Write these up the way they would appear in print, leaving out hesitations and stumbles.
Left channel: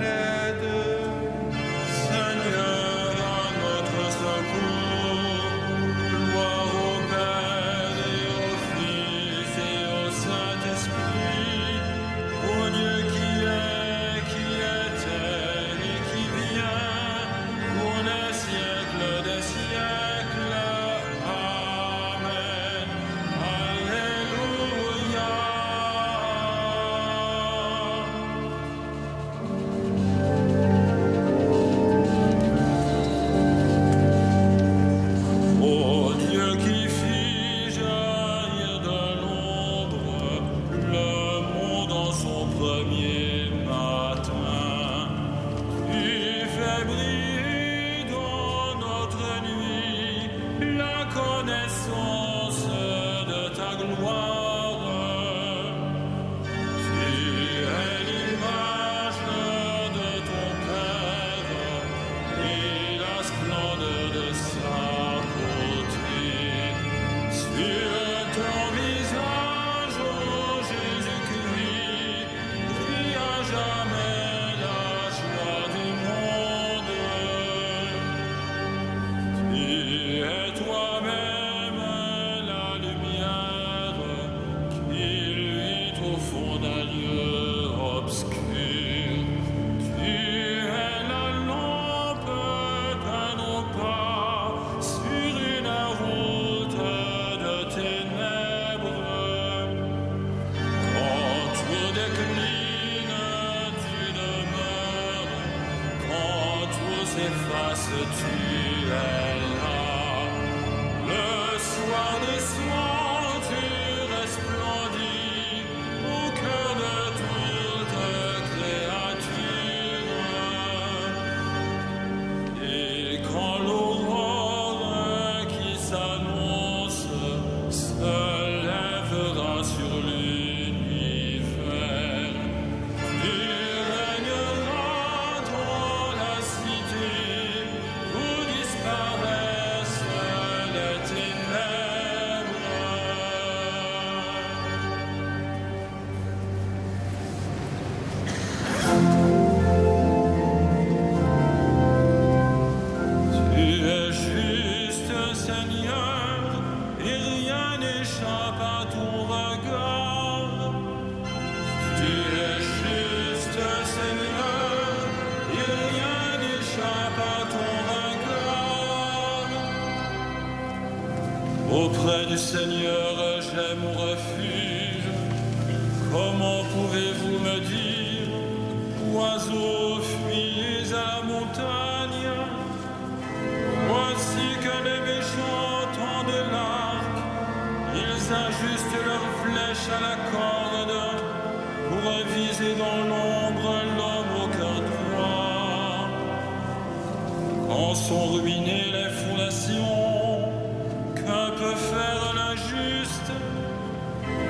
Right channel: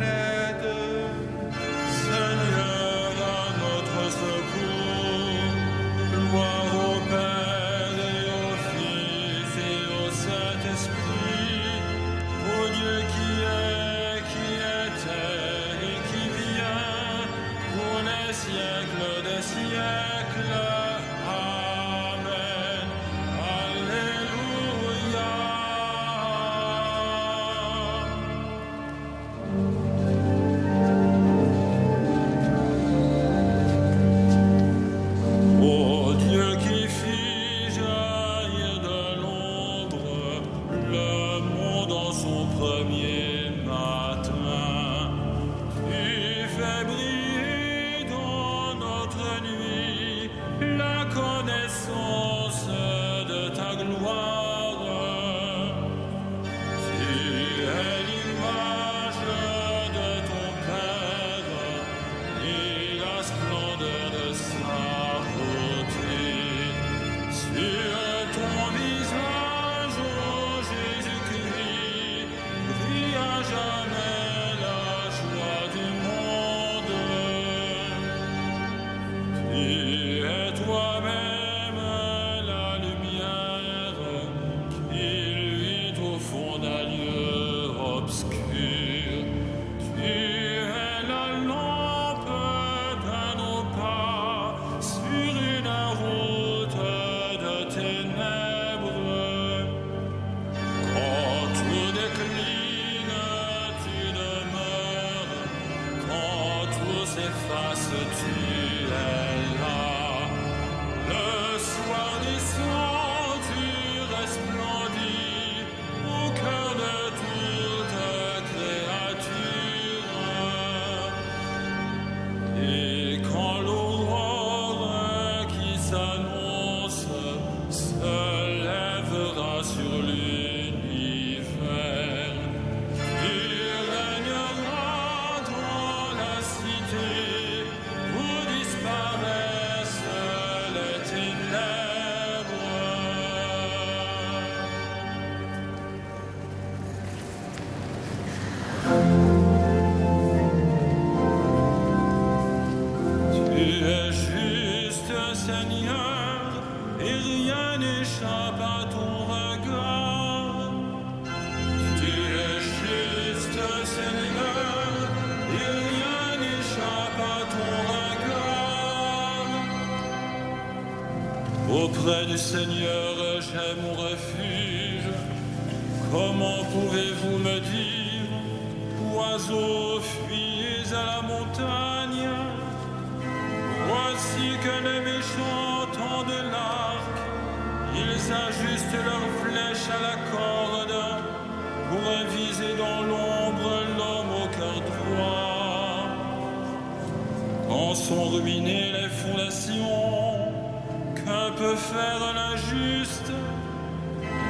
l'aide. Seigneur, à notre secours, gloire au Père et au Fils et au Saint-Esprit, au Dieu qui était et qui vient, pour les siècles des siècles. Amen. Alléluia. Ô Dieu qui fit jaillir de l'ombre le monde en son premier matin, tu fais briller dans notre nuit la connaissance de ta gloire. Tu es l'image de ton Père et la splendeur de sa beauté. Sur ton visage, ô Jésus-Christ, brille à jamais la joie du monde. Tu es toi-même la lumière qui luit au fond d'un lieu obscur. Tu es la lampe de nos pas sur une route de ténèbres. Quand tout décline, tu demeures. Quand tout s'efface, tu es là. Le soir naissant, tu resplendis au cœur de toute créature. Et quand l'aurore qui s'annonce se lèvera sur l'univers, tu régneras dans la cité où disparaissent les ténèbres. Tu es juste, Seigneur, et rien n'échappe à ton regard. Tu es juste, Seigneur, et rien n'échappe à ton regard. Auprès du Seigneur, j'ai mon refuge. Comment pouvez-vous me dire, oiseaux, fuyez à la montagne? Voici que les méchants tendent l'arc, ils ajustent leurs flèches à la corde pour viser dans l'ombre l'homme au cœur droit. Quand sont ruinées les fondations, que peut faire l'injuste?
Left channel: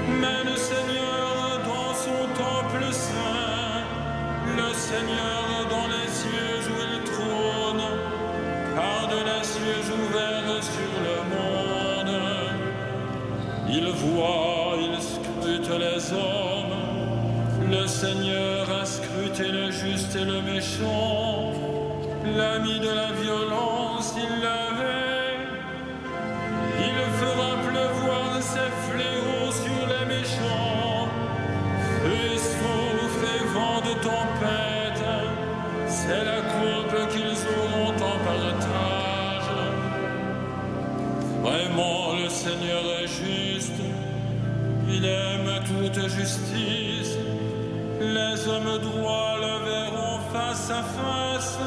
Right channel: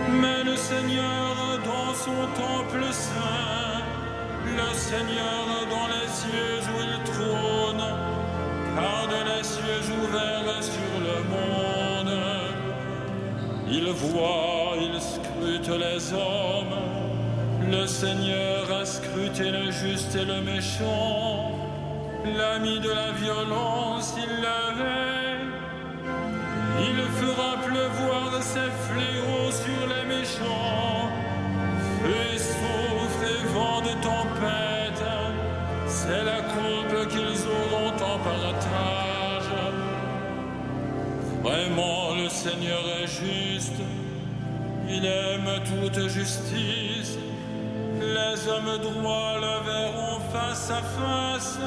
Mais le Seigneur dans son temple saint, le Seigneur dans les cieux où il trône, garde les cieux ouverts sur le monde. Il voit, il scrute les hommes. Le Seigneur a scruté le juste et le méchant. L'ami de la violence, il l'avait. Il fera pleuvoir ses fléaux sur les méchants. Feu et soufre et vent de tempête, c'est la coupe qu'ils auront en partage. Vraiment, le Seigneur est juste, il aime toute justice. Les hommes droits le verront face à face.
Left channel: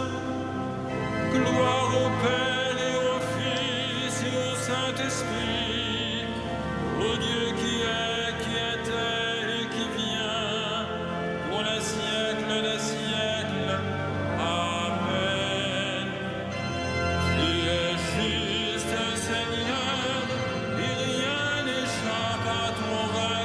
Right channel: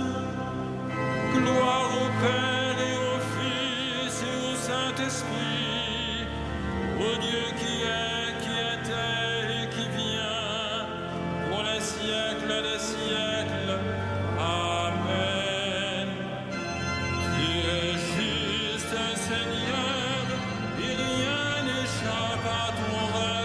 Gloire au Père et au Fils et au Saint-Esprit, au Dieu qui était et qui vient, pour les siècles des siècles. Amen. Tu es juste, Seigneur, et rien n'échappe à ton regard.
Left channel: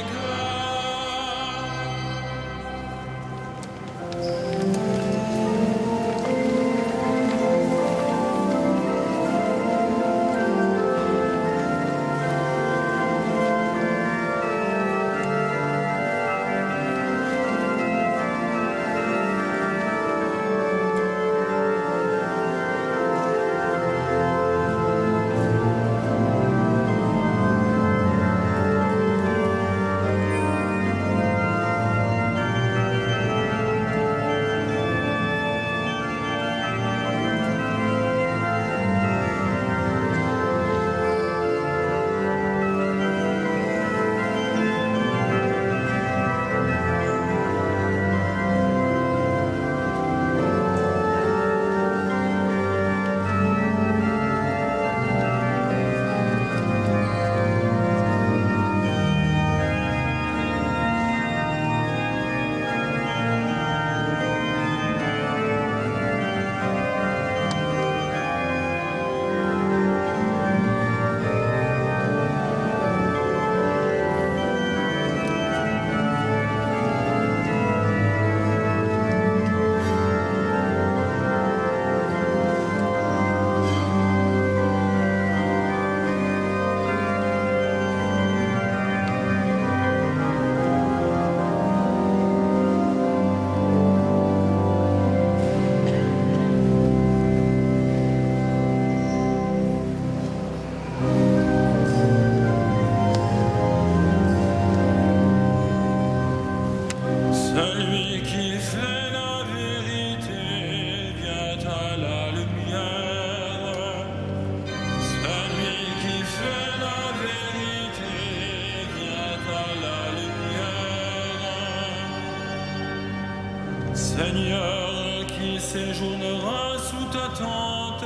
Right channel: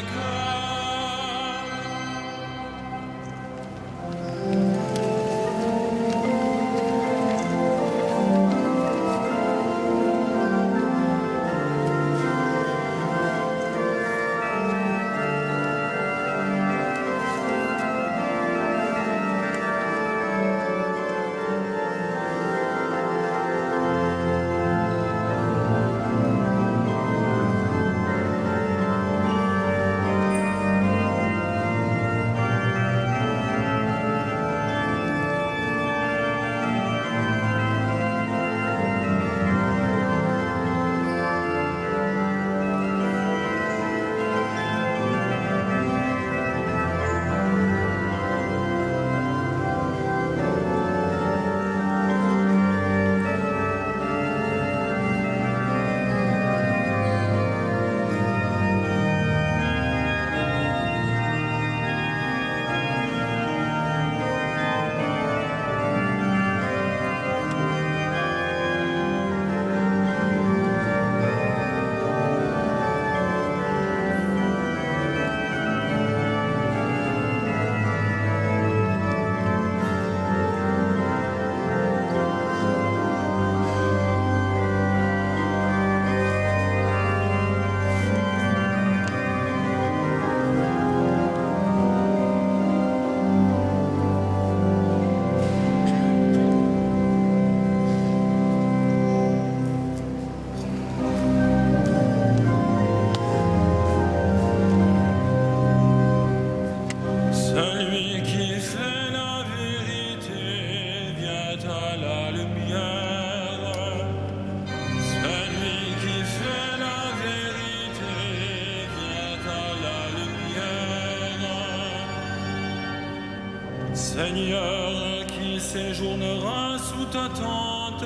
Seigneur, qui séjournera sous ta tente,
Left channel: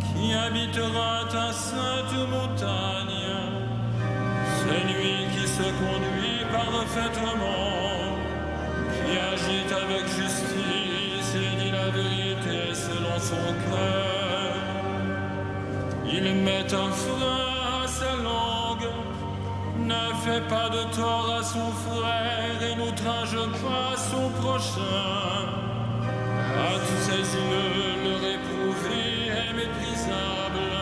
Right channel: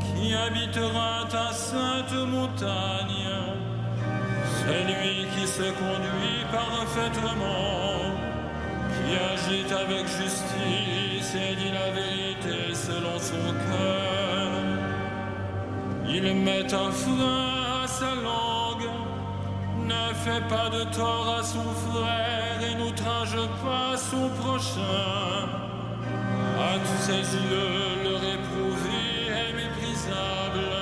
qui habitera ta sainte montagne, c'est lui qui se conduit parfaitement, qui agit avec justice et dit la vérité selon son cœur. Il met un frein à sa langue, ne fait pas de tort à son frère et n'outrage pas son prochain. À tous ses yeux, le réprouvé est méprisable,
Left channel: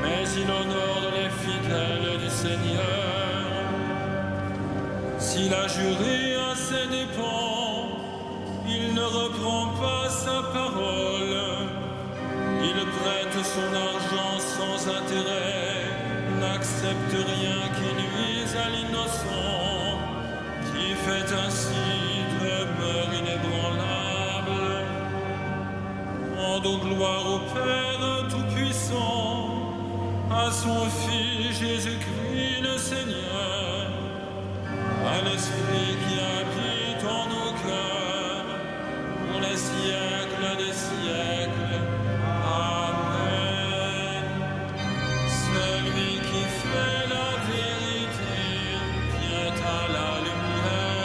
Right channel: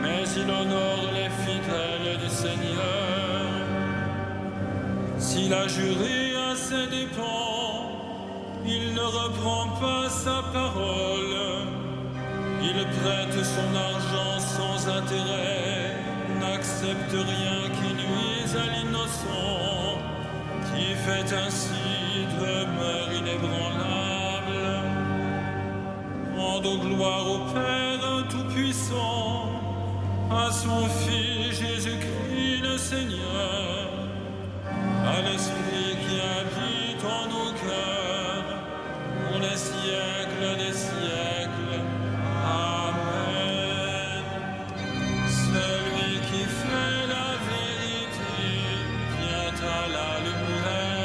mais il honore les fidèles du Seigneur. S'il a juré à ses dépens, il ne reprend pas sa parole. Il prête son argent sans intérêt, n'accepte rien qui nuise à l'innocent, qui fait ainsi demeure inébranlable. Rendons gloire au Père Tout-Puissant, à son Fils Jésus-Christ le Seigneur, à l'Esprit qui habite en nos cœurs, pour les siècles des siècles. Amen. Celui qui fait la vérité vient à la lumière.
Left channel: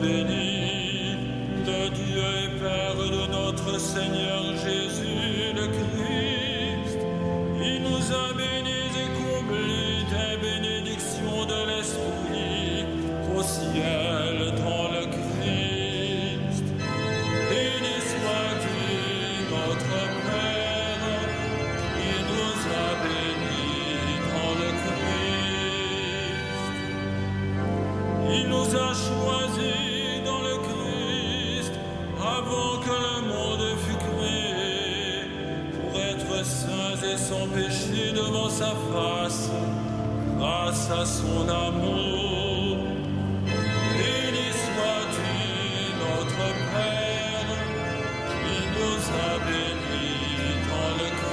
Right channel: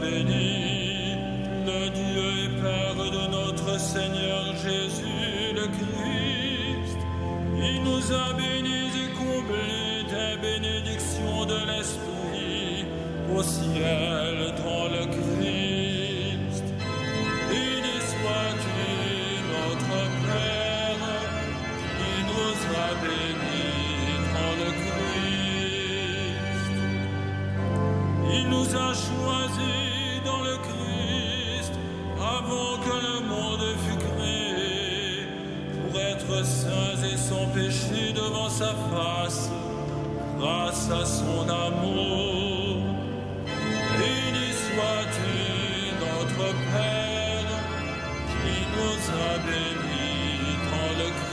béni, le Dieu et Père de notre Seigneur Jésus le Christ. Il nous a bénis et comblés des bénédictions de l'Esprit au ciel dans le Christ. Béni sois-tu, notre Père, qui nous a bénis dans le Christ. Il nous nous a choisis dans le Christ avant que le monde fût créé, pour être saints et sans péché devant sa face, grâce à son amour. Béni sois-tu, notre Père, qui nous a bénis dans le Christ.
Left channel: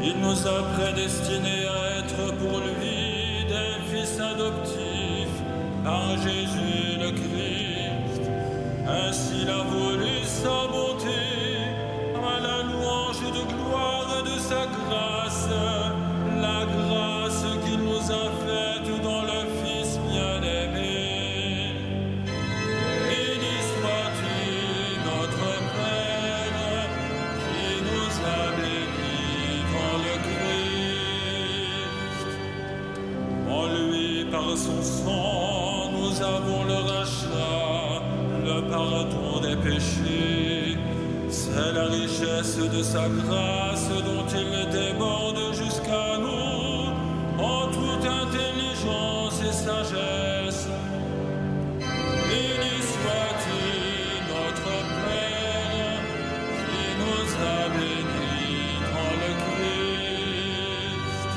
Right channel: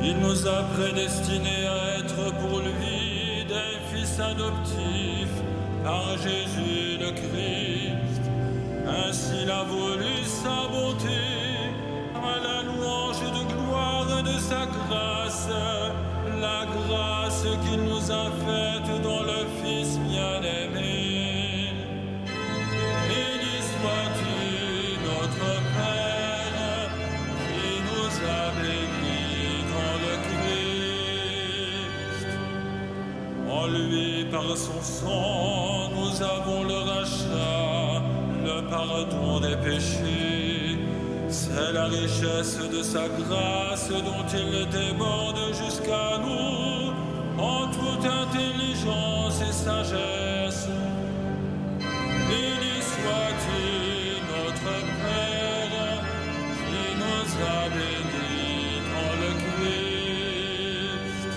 Il nous a prédestinés à être pour lui des fils adoptifs par Jésus le Christ. Ainsi il a voulu sa bonté, à la louange de gloire de sa grâce, la grâce qu'il nous a faite dans le Fils bien-aimé. Béni sois-tu, notre Père, qui nous a bénis dans le Christ. En lui, par son sang, nous avons le rachat, le pardon des péchés. C'est la richesse de sa grâce dont il déborde jusqu'à nous en toute intelligence et sagesse. Béni sois-tu, notre Père, qui nous a bénis dans le Christ.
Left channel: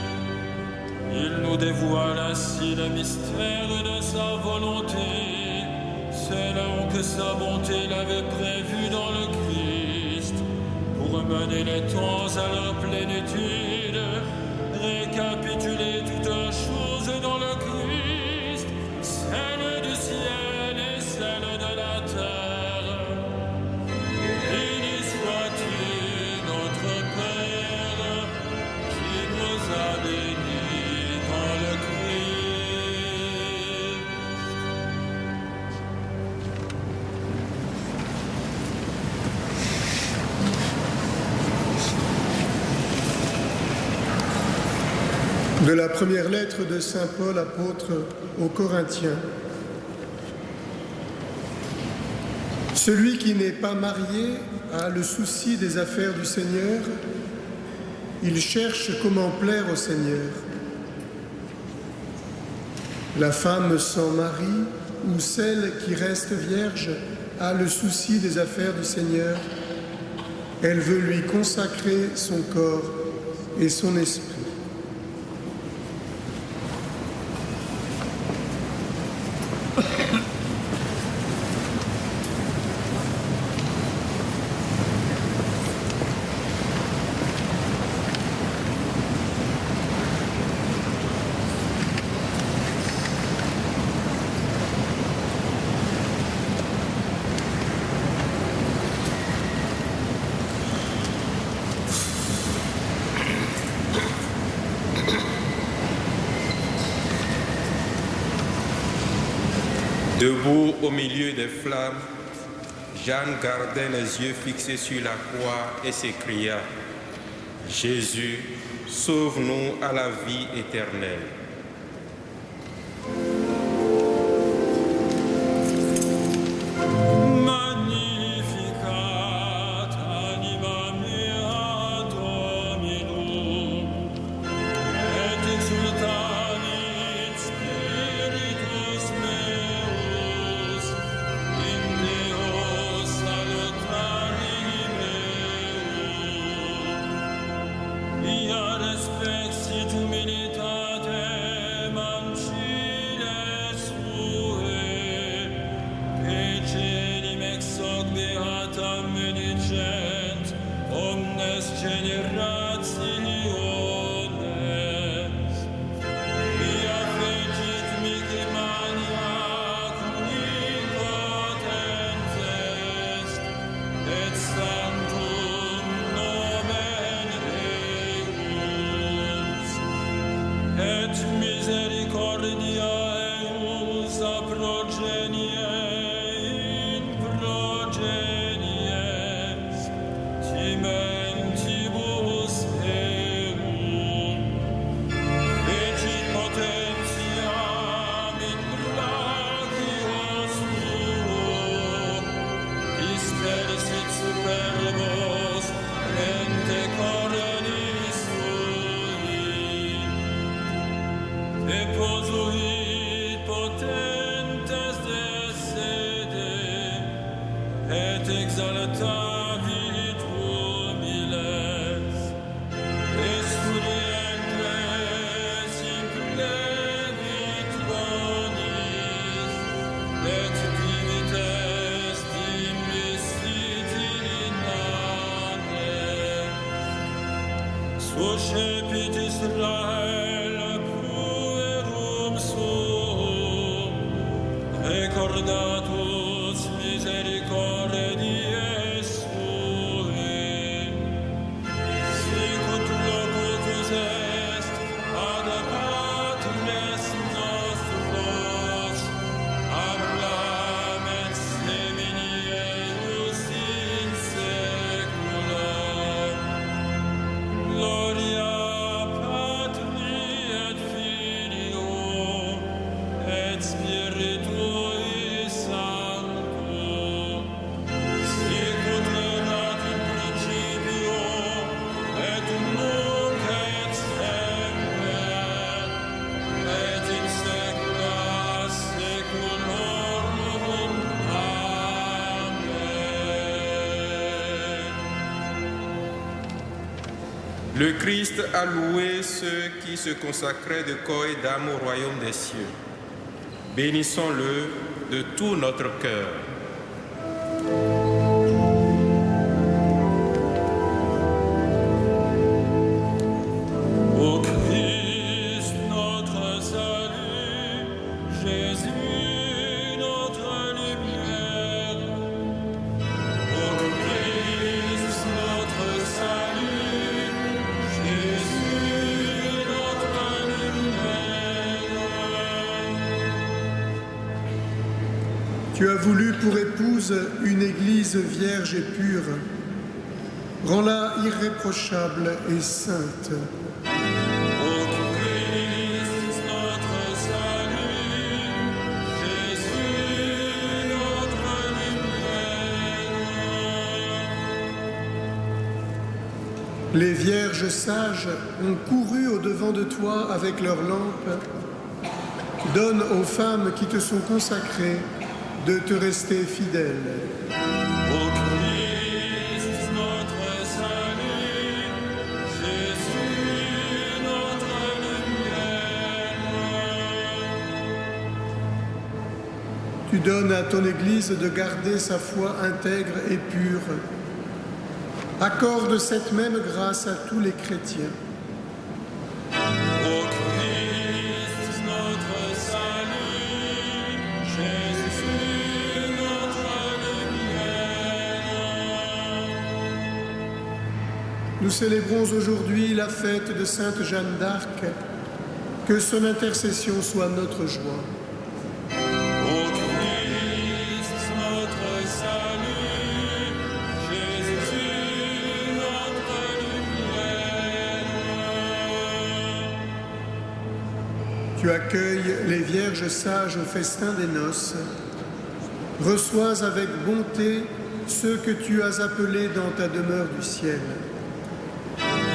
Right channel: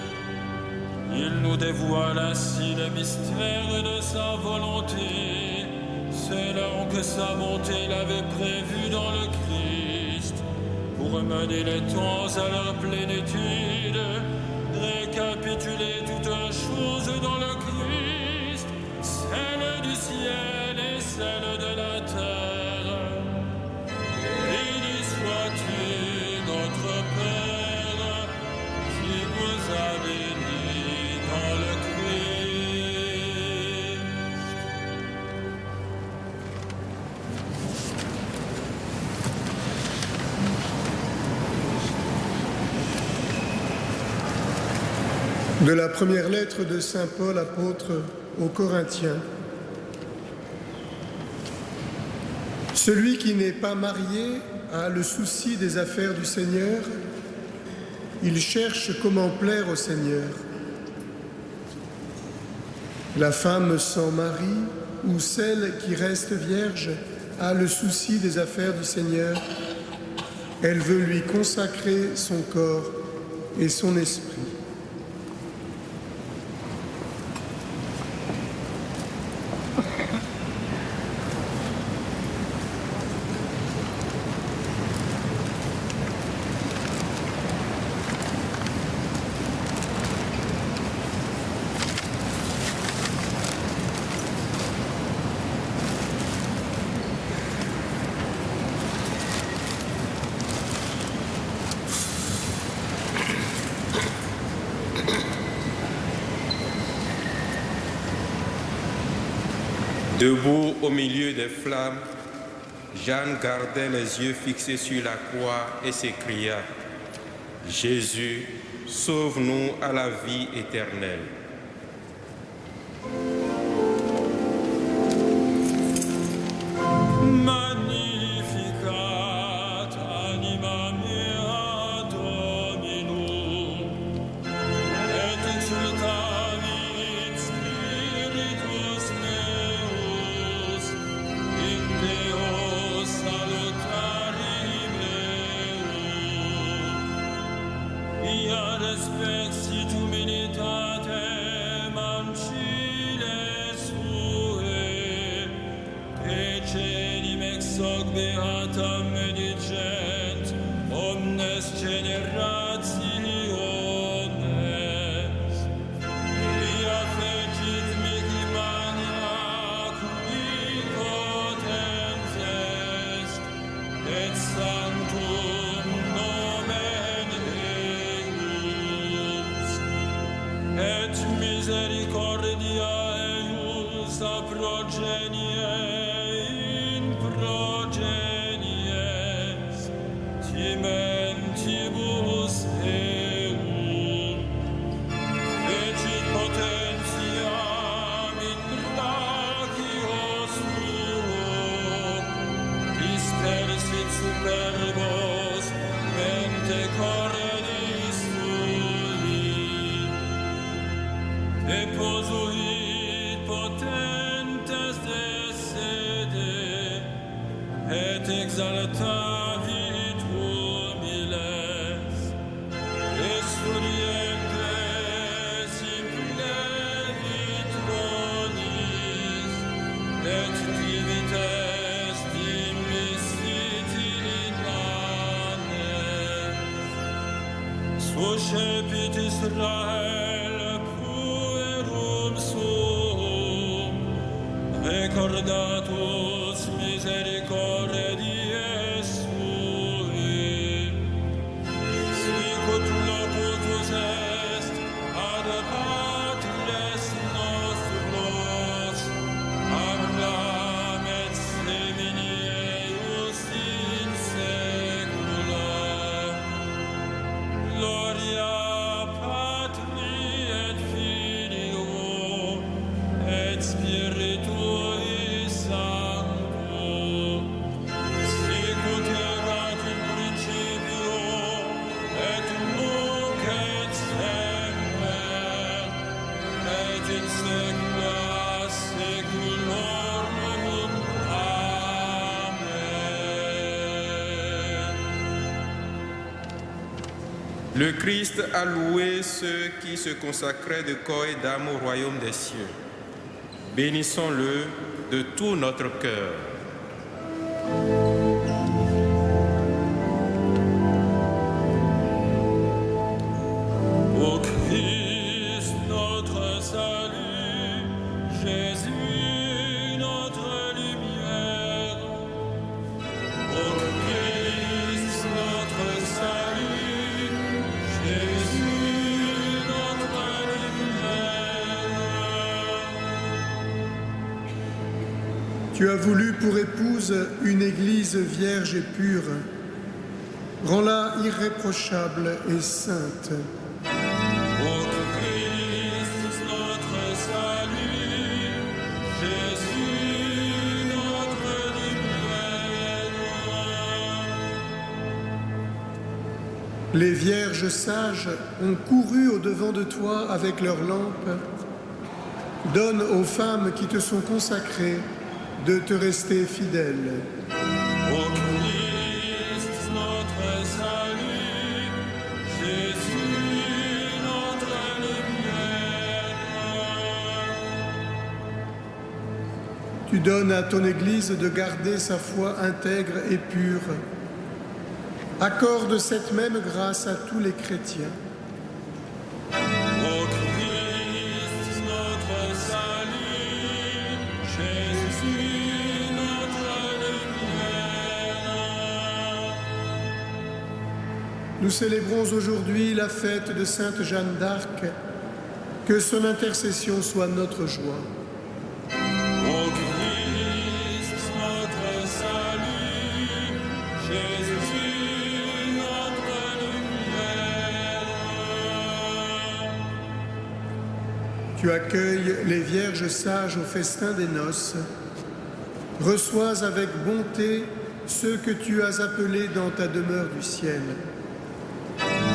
Il nous dévoile ainsi le mystère de sa volonté, selon que sa bonté l'avait prévu dans le Christ, pour mener les temps à leur plénitude, récapituler toutes choses dans le Christ, celle du ciel et celle de la terre. Béni sois-tu, notre Père, qui nous a bénis dans le Christ. De la première lettre de saint Paul, apôtre aux Corinthiens. Celui qui n'est pas marié a le souci des affaires du Seigneur. Il cherche comment plaire au Seigneur. La femme sans mari ou celle qui reste vierge a le souci des affaires du Seigneur. Elle veut lui consacrer son corps et son esprit. Debout au milieu des flammes, Jeanne gardait les yeux fixés sur la croix et s'écria : Jésus, sauve-nous à la vie éternelle. Magnificat anima mea Dominum, et exultavit spiritus meus in Deo salutari meum. Ia respexit humilitatem ancile sue, celim ex hoc beatam medicent omnes generationes. Via fecit mihi mania qui potens est, et sanctum nomen eius, et misericordia eius a progenie in progenies timentibus eum. Fecit potentiam in brachio suo, dispersit superbos mente cordis sui. et posuit potentes desede, et exaltavit humiles, et studientes implevit bonis, et divites dimissiti inanes, suscepit Israel puerum suum, recordatus misericordiae sui, sicut locutus est ad patres nostros, Abraham et semini eius in secula. Gloria Patri et Filio et Spiritui Sancto, sicut erat in principio et nunc et semper et in saecula saeculorum. Amen. Le Christ a loué ceux qui se consacraient de corps et d'âme au royaume des cieux. Bénissons-le de tout notre cœur. Ô Christ, notre salut, Jésus, notre lumière. Ô Christ, notre salut, Jésus, notre lumière. Tu as voulu pour épouse une église vierge et pure. Rends-la irréprochable et sainte. Ô Christ, notre salut, Jésus, notre lumière. Les vierges sages ont couru au-devant de toi avec leurs lampes. Donne aux femmes qui te sont consacrées de te rester fidèles. Ô Christ, notre salut, Jésus, notre lumière. Tu donnes à ton Église de garder sa foi intègre et pure. Accorde cette même grâce à tous les chrétiens. Ô Christ, notre salut, Jésus, notre lumière. Nous célébrons aujourd'hui la fête de Sainte Jeanne d'Arc. Que son intercession soit notre joie. Ô Christ, notre salut, Jésus, notre lumière. Tu accueilles les vierges sages au festin des noces. Reçois avec bonté ceux que tu as appelés dans ta demeure du ciel.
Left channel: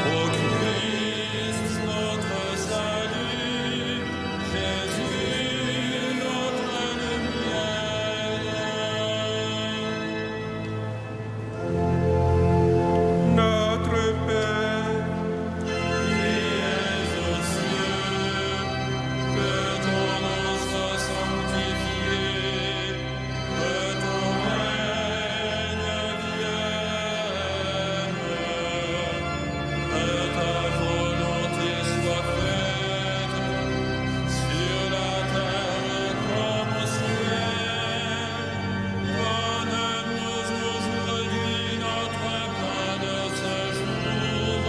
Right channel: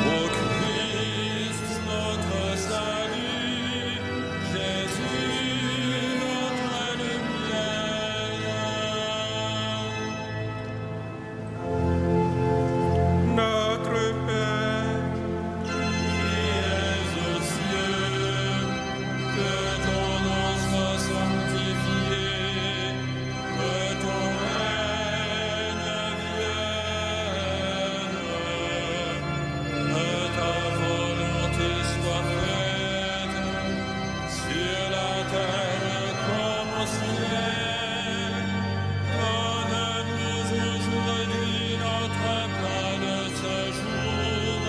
Ô Christ, notre salut, Jésus, notre lumière. Notre Père, Qui es aux cieux, que ton nom soit sanctifié, que ton règne vienne, que ta volonté soit faite sur la terre comme au ciel. Donne-nous aujourd'hui notre pain de ce jour.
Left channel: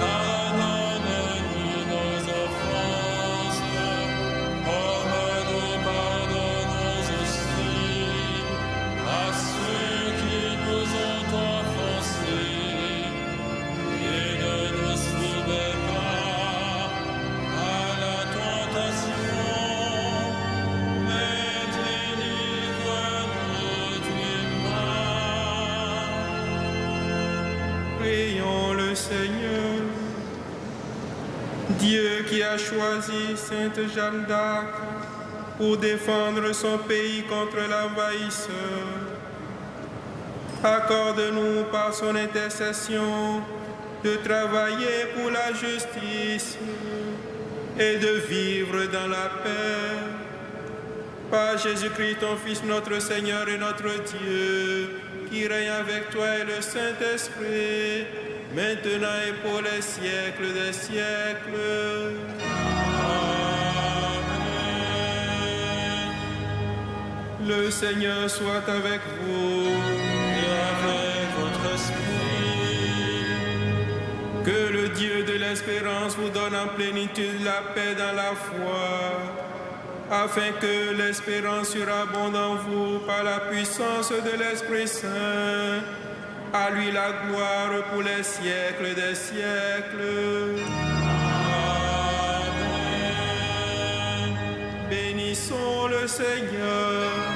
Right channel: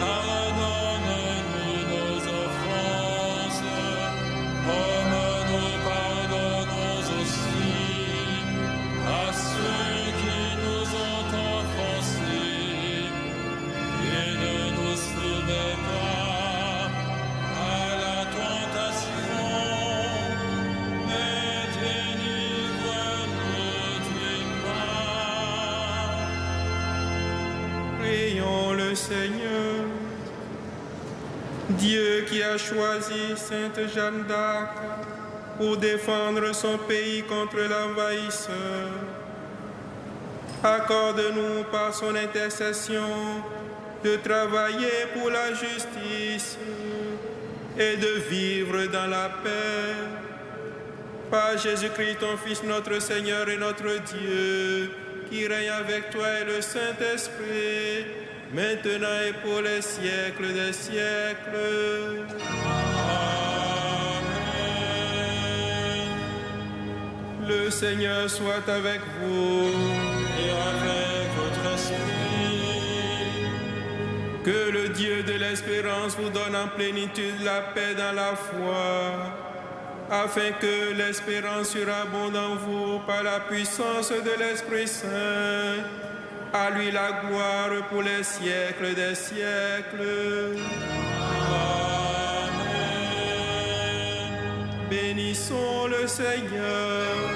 Pardonne-nous nos offenses, comme nous pardonnons aussi à ceux qui nous ont offensés. Et ne nous soumets pas à la tentation, mais délivre-nous du mal. prions le Seigneur. Dieu qui a choisi Sainte Jeanne d'Arc pour défendre son pays contre l'envahisseur, accorde-nous par son intercession de travailler pour la justice et de vivre dans la paix. Par Jésus-Christ, ton Fils, notre Seigneur et notre Dieu, qui règne avec toi et le Saint-Esprit, maintenant et pour les siècles des siècles. Amen. Le Seigneur soit avec vous. Et avec votre esprit, Que le Dieu de l'espérance vous donne en plénitude la paix dans la foi, afin que l'espérance surabonde en vous par la puissance de l'Esprit Saint. À lui la gloire pour les siècles des siècles. Amen. Bénissons le Seigneur.